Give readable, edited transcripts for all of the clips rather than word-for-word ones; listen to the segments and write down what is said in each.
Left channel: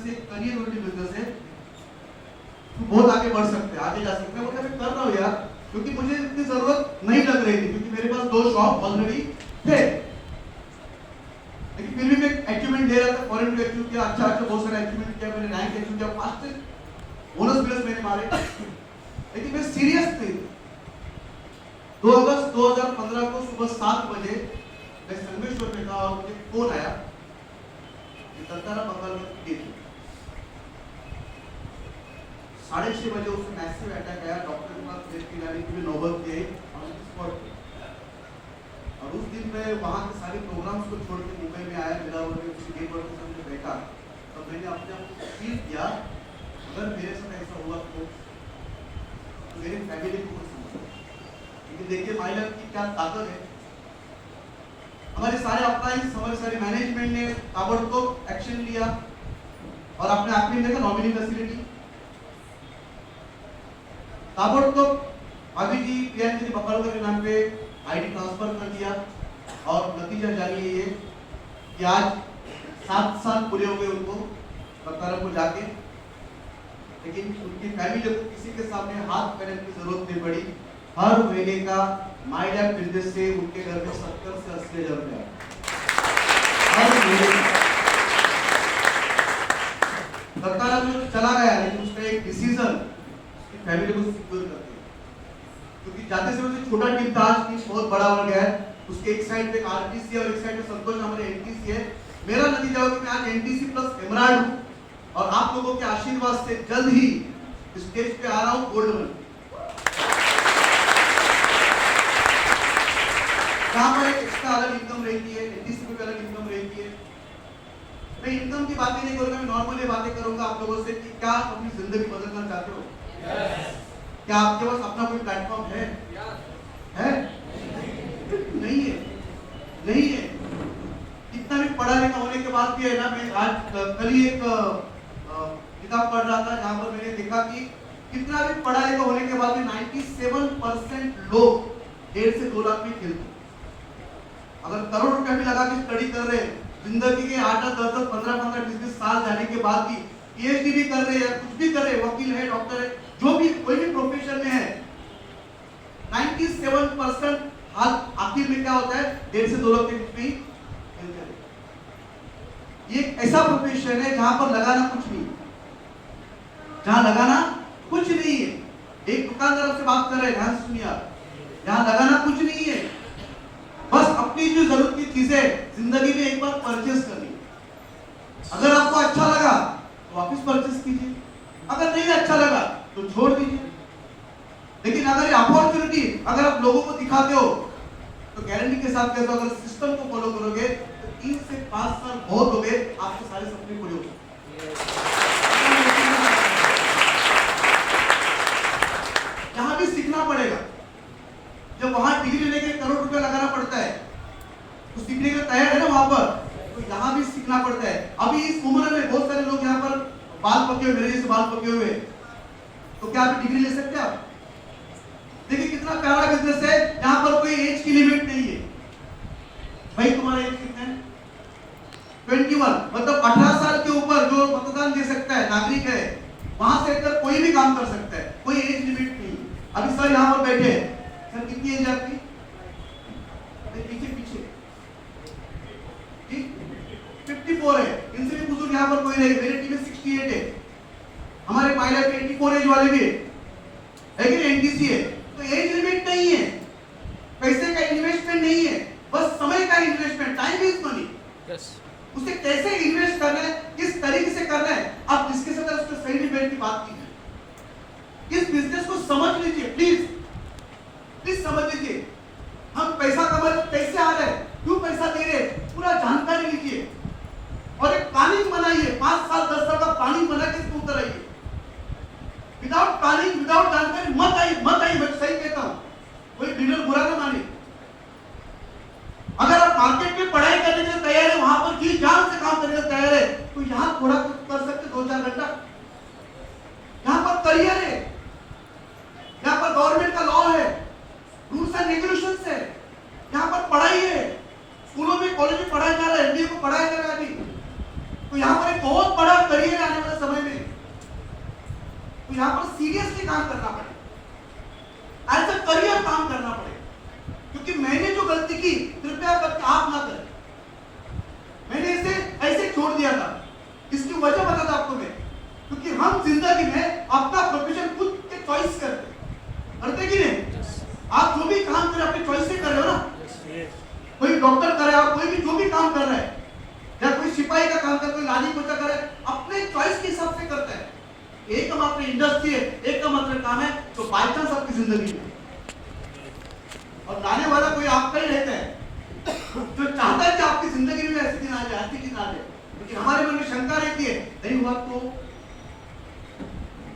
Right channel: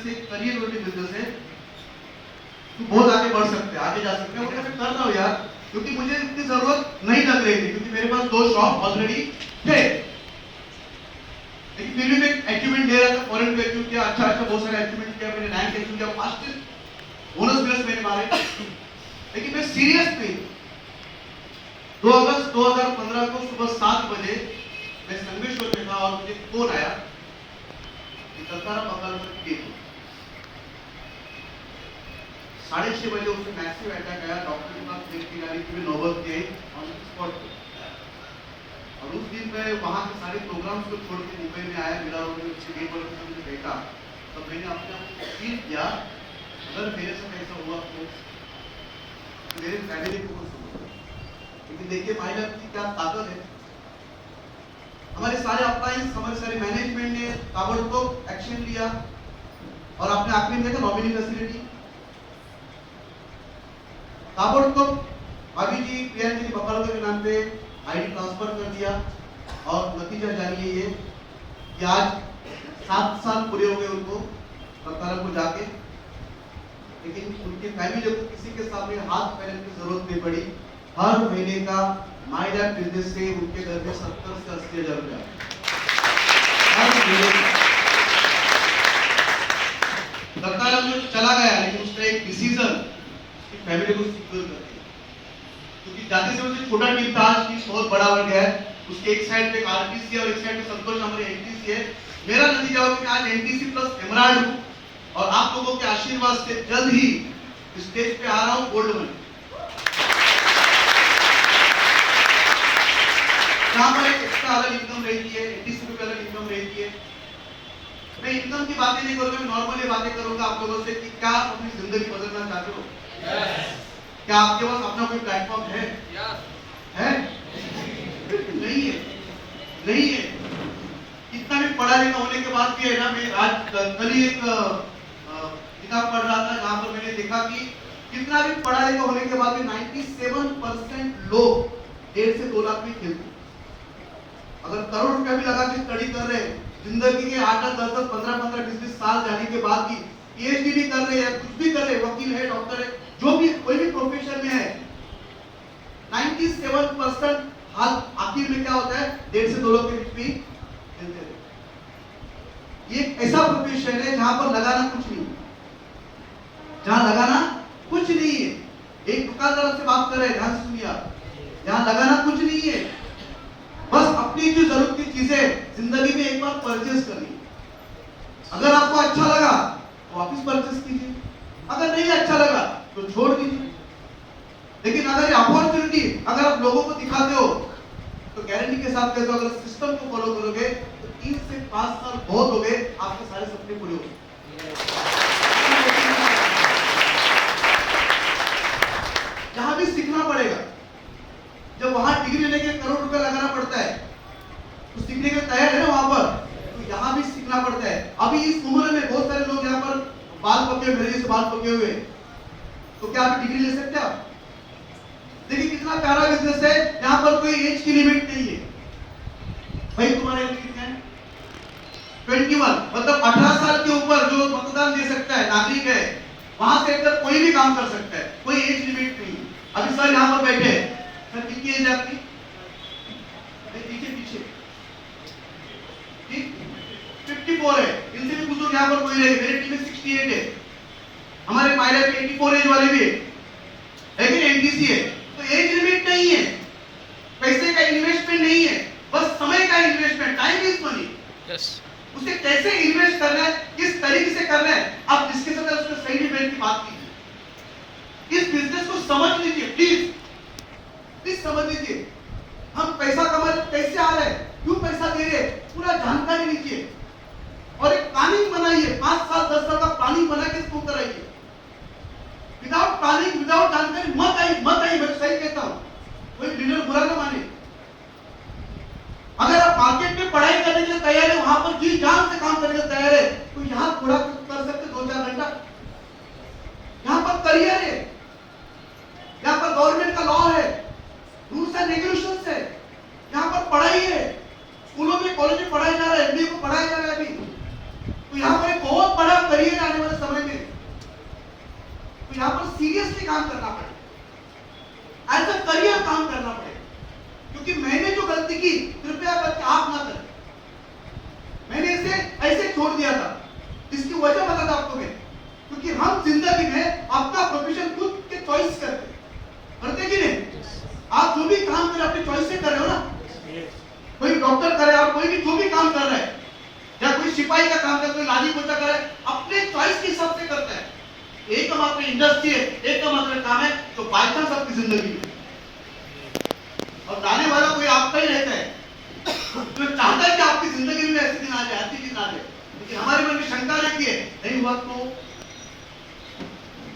Business है, career oriented business है, तो बहुत आगे बढ़ सकते हैं, आगे जा सकते हैं। और मैं कर रहा हूँ यार, क्योंकि मुझे इतनी जरूरत नहीं लग रही थी, क्योंकि मेरे पास 2 शॉप ऑलरेडी थे। लेकिन फिर भी मैं अचीवमेंट दे रहा था, फॉरेन पे अचीव किया, अच्छा बहुत सारे अचीवमेंट किया, मैंने रैंक अचीव किया, फास्टेस्ट बोनस प्लस मैंने मारे। लेकिन मैं सीरियस नहीं। 2 अगस्त 2015 को सुबह 7 बजे मैं संगमेश्वर में था और मुझे फोन आया कि दत्ताराम बंगाल में डेथ हुई। 6:30 बजे उसको मैसिव अटैक आया, डॉक्टर के पास देखने गया कि नौबत के ऑन स्पॉट पे। और उस दिन मैं वहां के सारे प्रोग्राम्स को छोड़ के मुंबई में आया, मिला और उससे गेट पर मुझे बैठा, तब मैंने अपने आप को फील किया अगर मेरे साथ ऐसा हुआ तो मेरे फैमिली को कुछ समझो। लेकिन देखिए माय लाइफ की क्या ताकत है। हमारे सारे अप्लाइंस, हमारे सारे मैनेजमेंट ने ताबड़तोड़ एक्शन लिया और अपने आप में देखा नॉमिनी फैसिलिटी ताबड़तोड़ भाभी जी प्रियंका जी बकड़कर के नाम पे आईडी ट्रांसफर कर दिया। और नतीजा जानिए ये कि आज 7 साल पूरे हो गए उनको बकड़कर को जाके, लेकिन उनकी फैमिली को किसी के सामने हाथ फैलाने की जरूरत नहीं पड़ी। हर महीने का माय लैब बिजनेस से उनके घर में 70 से 80 हजार रुपया हर महीने। बकड़कर जो चला गया, लेकिन उसका एक डिसीजन फैमिली को सिक्योर कर दिया, क्योंकि जाते से मुझे छोटा टीम था, आज टीम बहुत बड़ा हो गया है। उसके एक साइड पे आरटीसी है और एक साइड पे संतोष हमारे एनटीसी है। मेरा नतीजा हुआ कि आज एनटीसी प्लस एमराल्ड हूं और आप लोगों के आशीर्वाद से जल्द ही स्टेज पे आ रहा हूं गोल्ड में, जहां पर एक एक्स्ट्रा अलग इनकम रहती है, एनटीसी पे अलग इनकम रहती है। मैं इनकम की बातें नहीं करूंगा, मैं नॉर्मली बातें करूंगा आप लोगों से कि क्या आप अपनी जिंदगी बदलना चाहते हो? क्या आपके पास अपना कोई प्लेटफॉर्म है? है? नहीं है, नहीं है। कितना भी पढ़ा लिखा होने के बाद भी है ना, मैं आज कल ही एक किताब पढ़ रहा था जहां पर मैंने देखा कि कितना भी पढ़ा लिखा होने के बाद भी 97% लोग 1.5 से 2 लाख में खेलते। अगर करोड़ रुपया भी लगा के स्टडी कर रहे हैं, जिंदगी के 8, 10, 15, 20 साल जाने के बाद भी पीएचडी भी कर रहे हैं, कुछ भी कर रहे हैं, वकील है, डॉक्टर है, जो भी कोई भी प्रोफेशन में है, 97% हाल आखिर में क्या होता है, 1.5 से 2 लाख के बीच में खेलते हैं। ये ऐसा प्रोफेशन है जहां पर लगाना कुछ नहीं, जहां लगाना कुछ नहीं है। एक दुकानदार से बात कर रहे हैं, ध्यान से सुनिए आप, यहां लगाना कुछ नहीं है, बस अपनी जो जरूरत की चीजें जिंदगी में एक बार परचेज करनी। अगर आपको अच्छा लगा तो वापस परचेज कीजिए, अगर नहीं अच्छा लगा तो छोड़ दीजिए। लेकिन अगर ये अपॉर्चुनिटी अगर आप लोगों को दिखाते हो तो गारंटी के साथ कहते हो, अगर सिस्टम को फॉलो करोगे तो 3 से 5 साल बहुत हो गए, आपके सारे सपने पूरे हो गए। यहां भी सीखना पड़ेगा। जब वहां डिग्री लेने के करोड़ रुपए लगाना पड़ता है तो सीखने के तैयार है ना वहां पर, तो यहाँ भी सीखना पड़ता है। अभी इस उम्र में बहुत सारे लोग यहाँ पर बाल पके हुए, मेरे जैसे बाल पके हुए, तो क्या आप डिग्री ले सकते हैं? आप देखिए कितना प्यारा बिजनेस है, यहाँ पर कोई एज की लिमिट नहीं है। भाई तुम्हारा एज कितना है? 21, मतलब 18 साल के ऊपर जो मतदान दे सकता है, नागरिक है, वहां से लेकर कोई भी काम कर सकता है, कोई एज लिमिट नहीं है। अभी सर यहाँ पर बैठे हैं, सर कितनी एज है आपकी? पीछे 54 है, इनसे भी बुजुर्ग यहाँ पर कोई नहीं, मेरी टीम में 68 है, हमारे पायलट 84 एज वाले भी है, लेकिन एनटीसी है। तो एज लिमिट नहीं है, पैसे का इन्वेस्टमेंट नहीं है, बस समय का इन्वेस्टमेंट, टाइम इज मनी। उसे कैसे इन्वेस्ट करना है, किस तरीके से करना है, आप जिसके साथ उसको सही डिबेट की बात कीजिए। इस बिजनेस को समझ लीजिए, प्लीज समझ लीजिए। हम पैसा कमा रहे, कैसे आ रहा है, क्यों पैसा दे रहे, पूरा जानकारी लीजिए और एक प्लानिंग बनाइए। 5 साल 10 साल का प्लानिंग बना के इसको कराइए। विदाउट प्लानिंग, विदाउट जानकारी मत आई, मैं सही कहता हूं, कोई लीडर बुरा ना माने। अगर आप मार्केट में पढ़ाई करने के लिए तैयार है, वहां पर जी जान से काम करने के लिए तैयार है, तो यहाँ थोड़ा कुछ कर सकते, 2-4 घंटा यहाँ पर करियर है, यहाँ पर गवर्नमेंट का लॉ है, रूल्स एंड रेगुलेशंस है, यहाँ पर पढ़ाई है, स्कूलों में कॉलेज में पढ़ाया जा रहा है, एमबीए को पढ़ाया जा रहा है अभी, तो यहाँ पर एक बहुत बहुत बड़ा करियर आने वाले समय में, तो यहाँ पर सीरियसली काम करना पड़ेगा, एज अ करियर काम करना पड़ेगा। क्योंकि मैंने जो गलती की कृपया करके आप ना करें। मैंने इसे ऐसे छोड़ दिया था, इसकी वजह बताता आपको मैं। क्योंकि हम जिंदगी में अपना प्रोफेशन खुद के चॉइस करते कि नहीं? आप जो भी काम करें अपने चॉइस से कर रहे हो ना। कोई डॉक्टर करे और कोई भी जो भी काम कर रहा है, या कोई सिपाही का काम करे, कोई लादी पोछा करे, अपने चॉइस के हिसाब से करता है। एक मात्र इंडस्ट्री है, एक मात्र काम है तो बाय चांस आपकी जिंदगी में, और जाने वाला कोई आपका ही रहता है जो चाहता है कि आपकी जिंदगी में ऐसे दिन आ जाए, अच्छी दिन आ जाए। लेकिन हमारे मन में शंका रहती है, नहीं हुआ तो,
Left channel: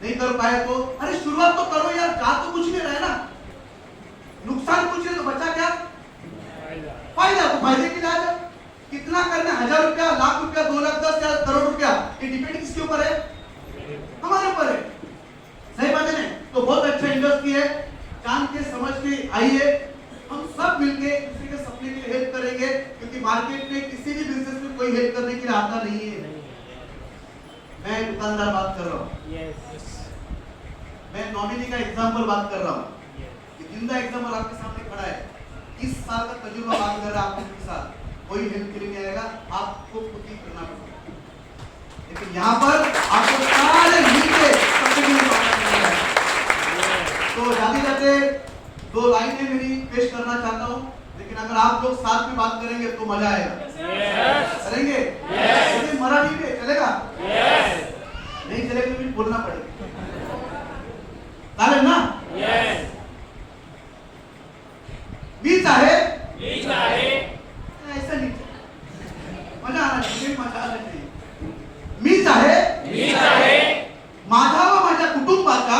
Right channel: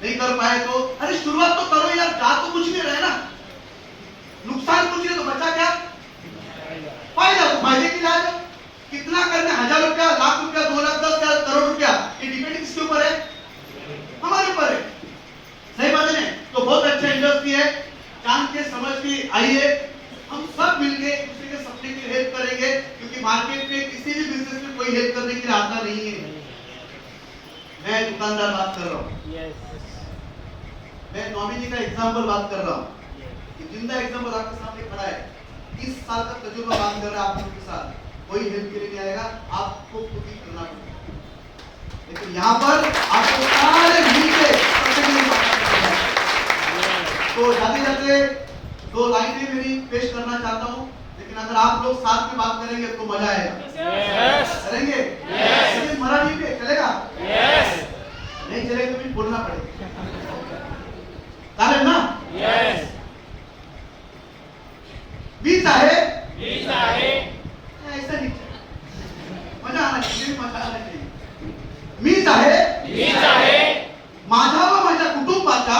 नहीं कर पाए तो। अरे शुरुआत तो करो यार, जा तो कुछ नहीं रहा है ना, नुकसान कुछ नहीं तो बचा क्या फायदा। तो फायदे के लिए आ जाओ। कितना करना, 1000 रुपया, लाख रुपया, 2 लाख, 10,000, करोड़ रुपया, ये डिपेंड किसके ऊपर है? हमारे ऊपर है। सही बात है ना? तो बहुत अच्छा इंडस्ट्री है, जान के समझ के आइए, हम सब मिलके एक दूसरे के सपने के लिए हेल्प करेंगे। क्योंकि मार्केट में किसी भी बिजनेस में कोई हेल्प करने के लिए आता नहीं है। मैं दुकानदार बात कर रहा हूँ, मैं नॉमिनी का एग्जाम्पल बात कर रहा हूँ, कि जिंदा एग्जाम्पल आपके सामने खड़ा है। 20 साल का तजुर्बा बात कर रहा है आपके साथ, कोई हेल्प के लिए नहीं आएगा, आपको खुद ही करना पड़ेगा। लेकिन यहाँ पर आपको सारे मिलके तो जाते जाते 2 लाइनें मेरी पेश करना चाहता हूँ। लेकिन अगर आप लोग साथ में बात करेंगे तो मजा आएगा। करेंगे? मराठी पे चलेगा? नहीं चलेगा तो फिर बोलना पड़ेगा, चालेल ना? बीच आहे ऐसा नहीं, मजा आना चाहिए, मजा आना चाहिए। मीच आहे माझा व माझ्या कुटुंबाचा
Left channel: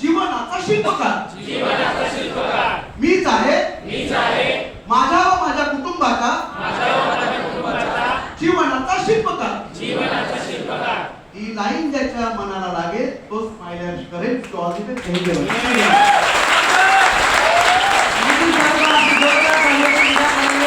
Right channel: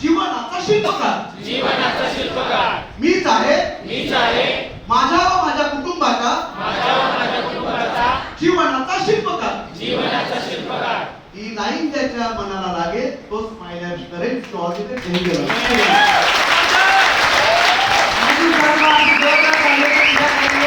जीवनाचा शिल्पकार। मीच आहे माझ्या व माझ्या कुटुंबाचा जीवनाचा शिल्पकार। ही लाईन ज्याच्या मनाला लागेल तो स्माइल करेल, तो